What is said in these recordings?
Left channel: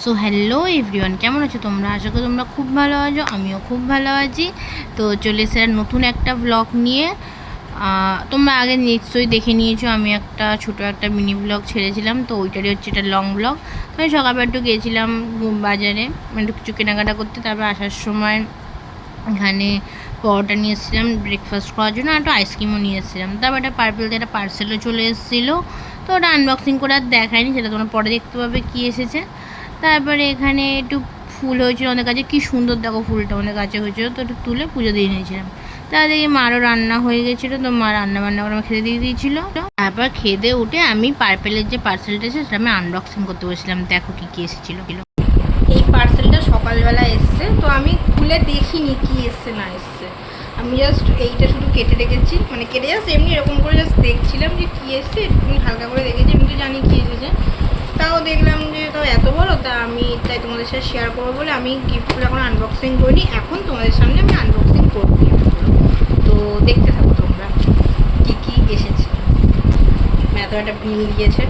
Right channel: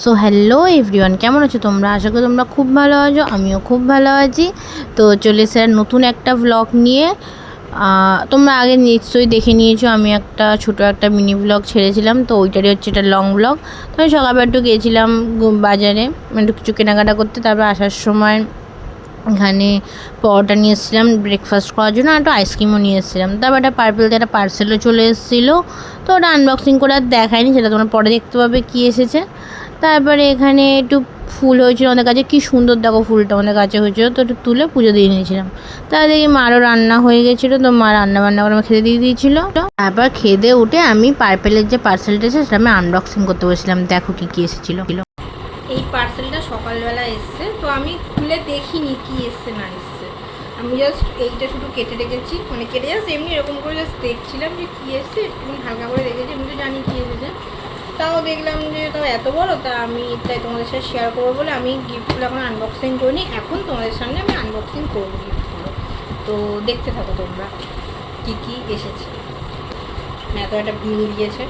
So hello everyone, কেমন আছো তোমরা? আশা করি তোমরা খুব ভালো আছো, আমিও খুব ভালো আছি। তো চলে এসে নতুন একটা ব্লগ নিয়ে। তোমরা আগে নিশ্চয়ই দেখে নিয়েছো, আমি একটা ছোটো একটা মিনি ব্লগ ছেড়েছিলাম, তো ওইটারই হচ্ছে এটা লং ব্লগ। তো আমি সকালবেলা একটু গিয়েছিলাম বাজারে একটু কিছু কেনাকাটা করতে, তারপর আসার সময় এখানে পরোটা নিয়ে এসেছিলাম ব্রেকফাস্ট করার জন্য, আর একটু আইসক্রিমও নিয়ে এসেছিলাম। তারপর একটা পার্পেলতে একটা পার্সেলও চলে এসেছিলো, তো ওটা আনবক্সিং করে আর দেখায়নি, সেটা তোমরা পরে দেখতে পাবে কী এসেছে। তারপরে এখানে একটু ফুল হয়েছিল আমাদের কাছে, কী সুন্দর দেখো ফুলটা আমাদের কাছে হয়েছিল, তো একটু তুলে পুজো দিয়ে নিয়েছিলাম। তার দেখি মারও রান্না হয়ে গেছিলো, তো মা রান্না বান্না করে আমার খেতে দিয়ে দিয়েছিলো। তারপর খেতে উঠে আমি পার্পেলের যে পার্সেলটা এসেছে সেটা আমি আনবক্সিং করতে বসেছিলাম। দেখো কী কী এসেছিলো। এই পার্সেলটা সকালবেলা এসছে, তো আমি খুলে দেখিনি কি এসছে না এসছে। আমি জাস্ট এইটা শুধু কেটে রেখেছি, মানে কেটে জাস্ট এমনি এরকম করে জাস্ট দেখছিলাম যে কী এসছে, একটু হালকা করে দেখেছি, আমি তো জানি কী এসেছে। তাও দেখলাম যে তাও এত বড়, তা আমি তাই তোমাদের সাথে শেয়ার করবো বলে আমি গিফটগুলো এখন আনবক্সিং করিনি, এখন তোমাদের সামনে আমি আনবক্সিং করবো গিফটগুলো। তো দেখতে থাকো তোমরা কী কী এসেছে। এত একটা বিল দিয়েছে,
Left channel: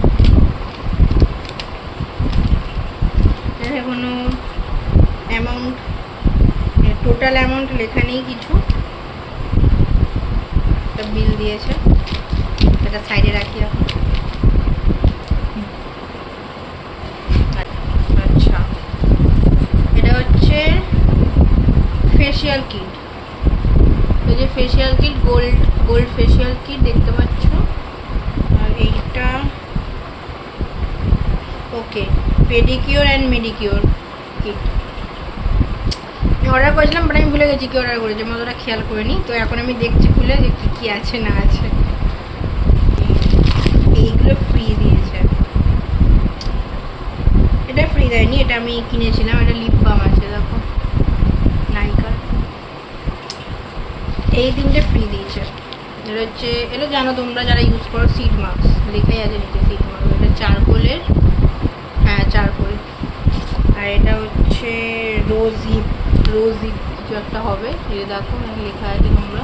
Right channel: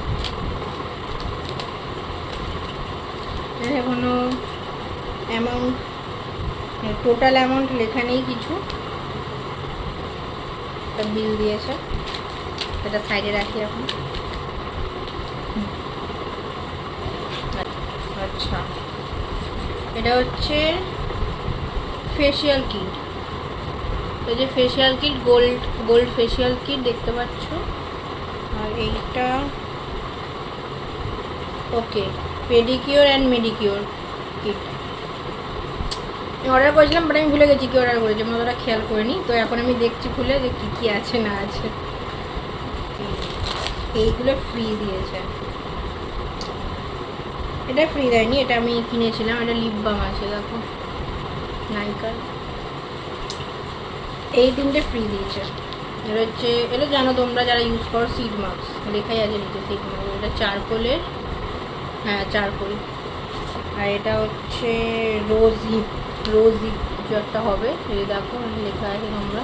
কোনো অ্যামাউন্ট, টোটাল অ্যামাউন্ট লেখা নেই কিছু, একটা বিল দিয়েছে, এটা সাইডে রাখি এখন। আচ্ছা, এটা হচ্ছে ফেসিয়াল কিট। এই যে facial kit, gold facial kit দেখতে পাচ্ছ। আর এইটা ওকে pedicure and pedicure kit order করেছিলাম, বাট আমি ভুলে গেছি কি অর্ডার করেছি, আমি অতটা খেয়াল করিনি। তো এখন আমি দেখছি খুলে যে কী কী আছে না আছে। এইগুলো ফ্রি দিয়েছে, এটা ফ্রি দেয়নি, এটা আমি কিনেছিলাম। এটা লিপ বাম আছে দেখো, নাইকার। এই তিনটে ফ্রি দিয়েছে। এটা হচ্ছে, এটা জানো তোমরা যারা ইউজ করো, সিড মাস্ক লেখাই আছে নিচে, সিড মাস্ক। এটা চারকোলের, হ্যাঁ চারকোল। আর এটা হচ্ছে রোজ হিপ কিছু একটা হবে, এই দেখো লেখা আছে তোমরা।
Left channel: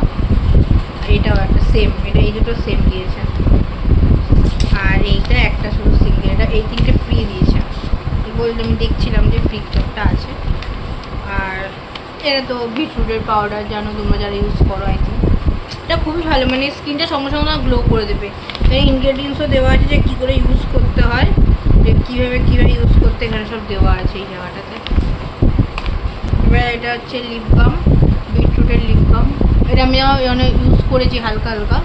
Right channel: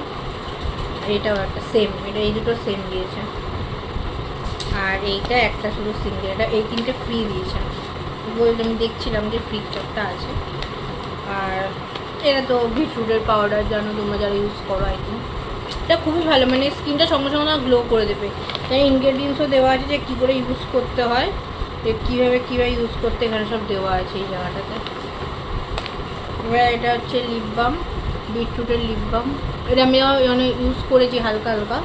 আর এটাও একটা সেম, এটা এই দুটো সেম দিয়েছে। আর এইটা একটা শুধু সিঙ্গেল, এটা এই তিনটে ফ্রি দিয়েছে বলতে আমি দেখছিলাম যে ফ্রি একটা আছে। আর এটা তো বিটরুটের পাউডার, জানো তোমরা যারা ইউজ করো, আই থিঙ্ক এটা খুবই ভালো, মানে স্কিনটা সঙ্গে সঙ্গে গ্লো করে দেবে। এখানে ইনগ্রেডিয়েন্টসও দেওয়া আছে যে কী করে ইউজ করতে হয়, যে কীভাবে ইউজ করতে, এখানে সব দেওয়া আছে এই জায়গাটাতে। এবার এটা হচ্ছে লিপ বাম, বিটরুটের লিপ বাম। এটা আমি অনেক ইউজ করেছি হালকা হালকা,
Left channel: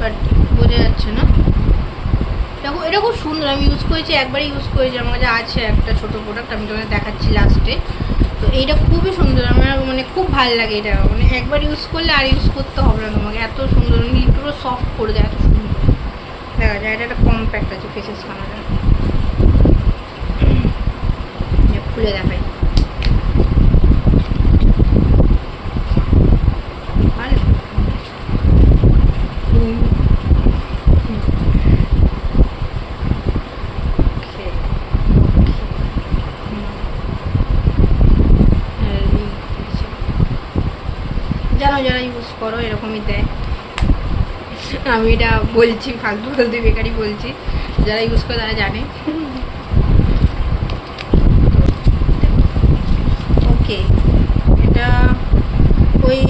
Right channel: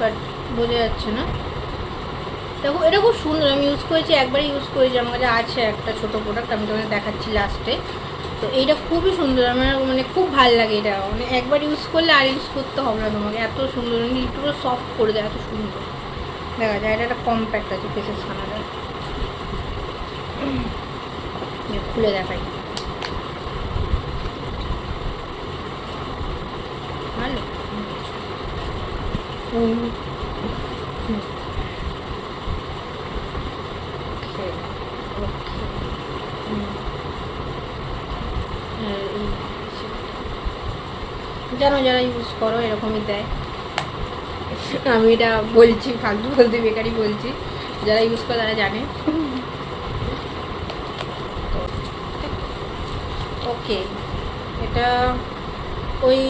বাট বোঝা যাচ্ছে না। দেখো এটা খুব সুন্দর, আমি ইউজ করেছি, একবারই ইউজ করেছি, আমার কাছে আছে একটা ছোটো প্রোডাক্ট, আমি তোমাদের দেখাচ্ছি লাস্টে। তো এইটা খুবই সুন্দর, আমার মানে খুব ভালো লাগে এটা, মানে একবার ইউজ করলে আর ইউজ করতে হবে না তোমাকে, এত সুন্দর, মানে পুরো সফট করে দেয়, এত সুন্দর দেখা যায়। এটা একটা কম্প্যাক্ট আছে ফেসেস খানাটা, খুলে দেখাই ভালো। জানো যারা ইউজ করো এরকমই দেয়, আমি এটা বলছি ফালতু ফালতু বেকারি বলছি, যারা ইউজ করে তারা জানে। ওকে, এটা ওই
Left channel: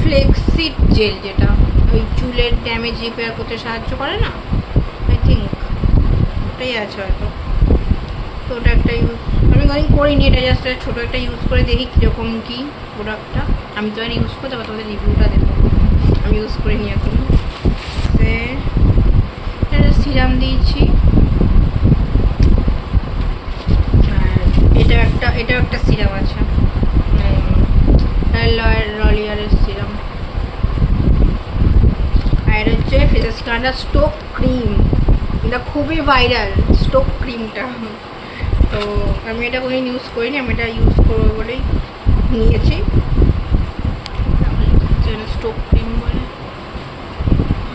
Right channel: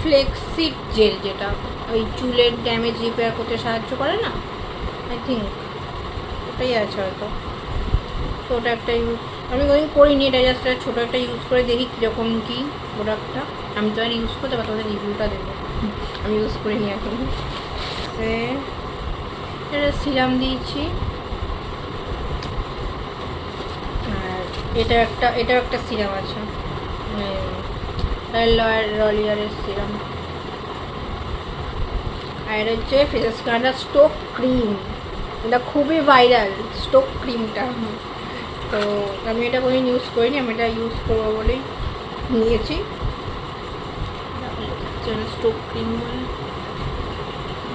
ফ্লেক্সিড জেল, যেটা ওই চুলের ড্যামেজ রিপেয়ার করতে সাহায্য করে না, আই থিঙ্ক ওটাই আছে হয়তো। তো ওটা একটা ইউজ আমি কোনোদিন করিনি, এটা জাস্ট ছোটো একটা ইউজ করে দেখি কীরকম কী প্রোডাক্টটা। আমি তো আর ইউজ করতে পারবো, তোমাদের রিভিউটা দেবো, আমি ইউজ করিনি এখন। এটা সিরাম দিয়েছি, আর এটাও একটা সিরাম আছে, লরিয়ালের সিরাম। আর হচ্ছে ফেস কালার স্টোক ক্রিম, এটা খুবই ভাইরাল স্টোক ক্রিমটা। তো আমি এটা কোনোদিন ইউজ করিনি, আমি এটা ইউজ করবো বলেই নিয়েছি। স্টোক ক্রিম বলে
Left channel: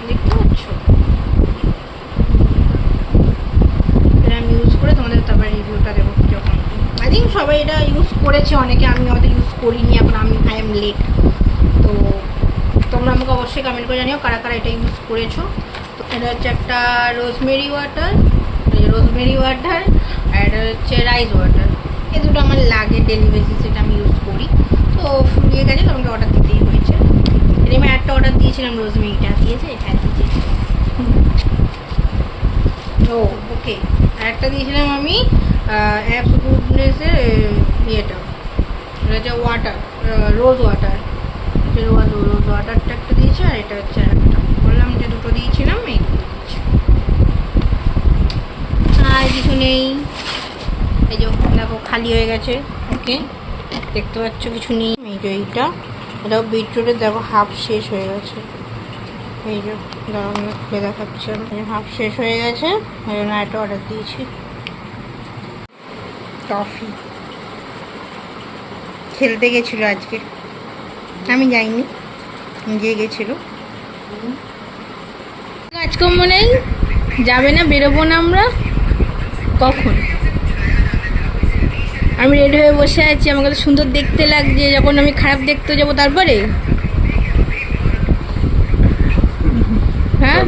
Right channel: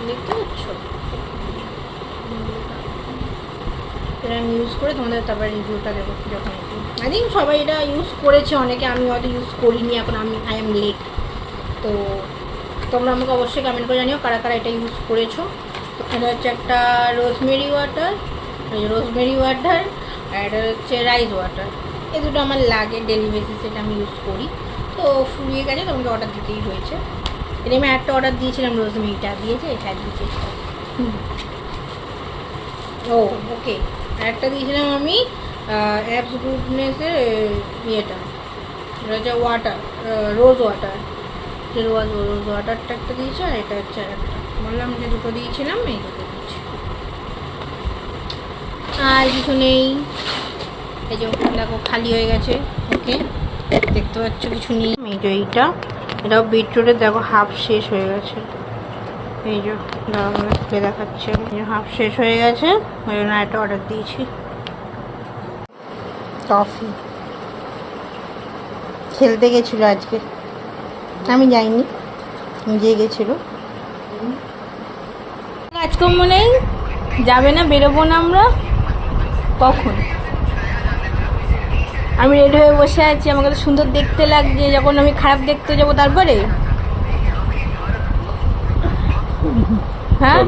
দেখতে পাচ্ছ, এটা আমি ইউজ করে তোমাদের তারপরে রিভিউটা দেবো যখন। আই থিঙ্ক সবাই এটা ইউজ করেছে অনেকে, আমি হয়তো ইউজ করিনি, এখন আই এম লেট। তো তোমরা আমাকে অবশ্যই কমেন্ট করে জানিও কারা কারা এটা ইউজ করেছো। এটা হচ্ছে একটা রোজমেরি ওয়াটার, আর আর এটা হচ্ছে রাইস ওয়াটার। এই দুটো আমার লাগে ডেলি বেসিসে, এটা আমি ইউজ করি। তো ফুরিয়ে গেছে, তো আমাকে অর্ডার দিতেই হয়েছে। এর আমি একটা অর্ডার দিয়েছিলাম, রোজমেরিটা দিয়েছে, হ্যাঁ দিয়েছে। ও ওকে, আর একটা দিয়েছিলাম আমি অ্যাপস গুডনেসের ইয়েটা, এটা হচ্ছে ওয়াটার, রোজ ওয়াটার। রোজ ওয়াটারটা একটা দিয়েছে, আর এটা হচ্ছে একটা, বললাম যে দুটো দিয়েছিলাম, এই দুটো দিয়েছি। আর কিছু নেই। এই যে ওখানে দেখো খালি হয়ে গেছে, ওকে দেখতে পাচ্ছ কিছু নেই। এই যে এইটা, এটাও বিটরুটের দেখো হাফ শেষ হয়ে গেছে। এই যে দাঁড়াও আমরা খুলে দেখাচ্ছি, হাফ শেষ হয়ে গেছে, ওই জন্য একটা অর্ডার দিয়েছি। টফি খেলতে গেছিলো আজকে, আমি যাইনি, নিজে গেছিলো। কাজকর্ম নেই, যাবে না, বেরোবো না আমরা কখন? আমি রেডি হয়ে বসে আছি, আমাকে তো সুন্দর দেখতে লাগছে, যখন আমি খারাপ দেখতে যাবো তারপরে। হ্যাঁ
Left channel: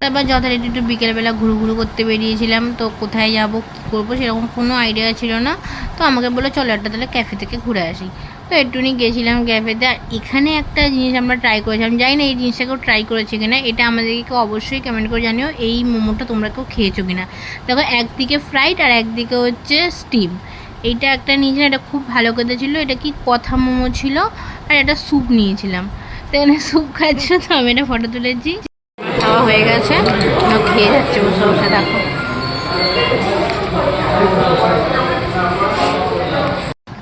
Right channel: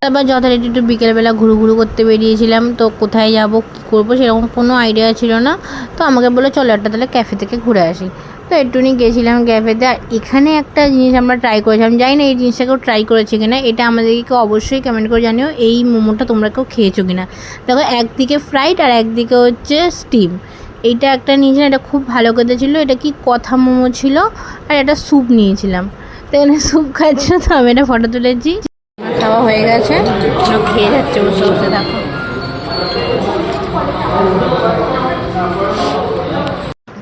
তারপর যথারীতি একটু বিকেলবেলা ঘুরু করতে বেরিয়েছিলাম। তো কোথায় যাব কী করবো সেরকম কোনো আইডিয়া ছিল না। তো আমাকে বললো চলো একটা তাহলে ক্যাফে থেকে ঘুরে আসি। তো একটুখানি গেছিলাম ক্যাফেতে। আর এখানে একটা জিনিস আমরা ট্রাই করেছিলাম, জানি না এই জিনিসটা কেউ ট্রাই করেছে কিনা, এটা আমাদেরকে অবশ্যই কমেন্ট করে জানিও এই মোমোটা তোমরা কেউ খেয়েছো কিনা। দেখো একদিকে ফ্রাইড আর একদিকে হচ্ছে স্টিম। এইটা একটা নিয়েছিলাম, এটা খুব ভালো খেতে ছিল। এটা কি কথা মোমো ছিল, আর একটা স্যুপ নিয়েছিলাম। তো এখানে স্যুপ খাচ্ছিল, তো আমি এটা ফটো তুলেছি। খাওয়া হয়ে গেছে, খেয়ে যাচ্ছে বসে বসে, দেখো।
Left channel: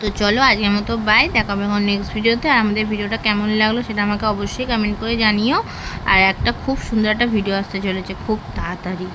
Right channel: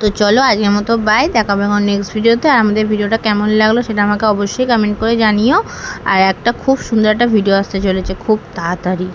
তো চলো আজকের মতো বাই, দেখাবে এখন নেক্সট ভিডিওতে। আর আমাদের ভিডিওটা কেমন লাগলো সেটা আমাকে অবশ্যই কমেন্ট করে জানিও। আর একটা খুব সুন্দর একটা ভিডিও আসতে চলেছে খুব তাড়াতাড়ি।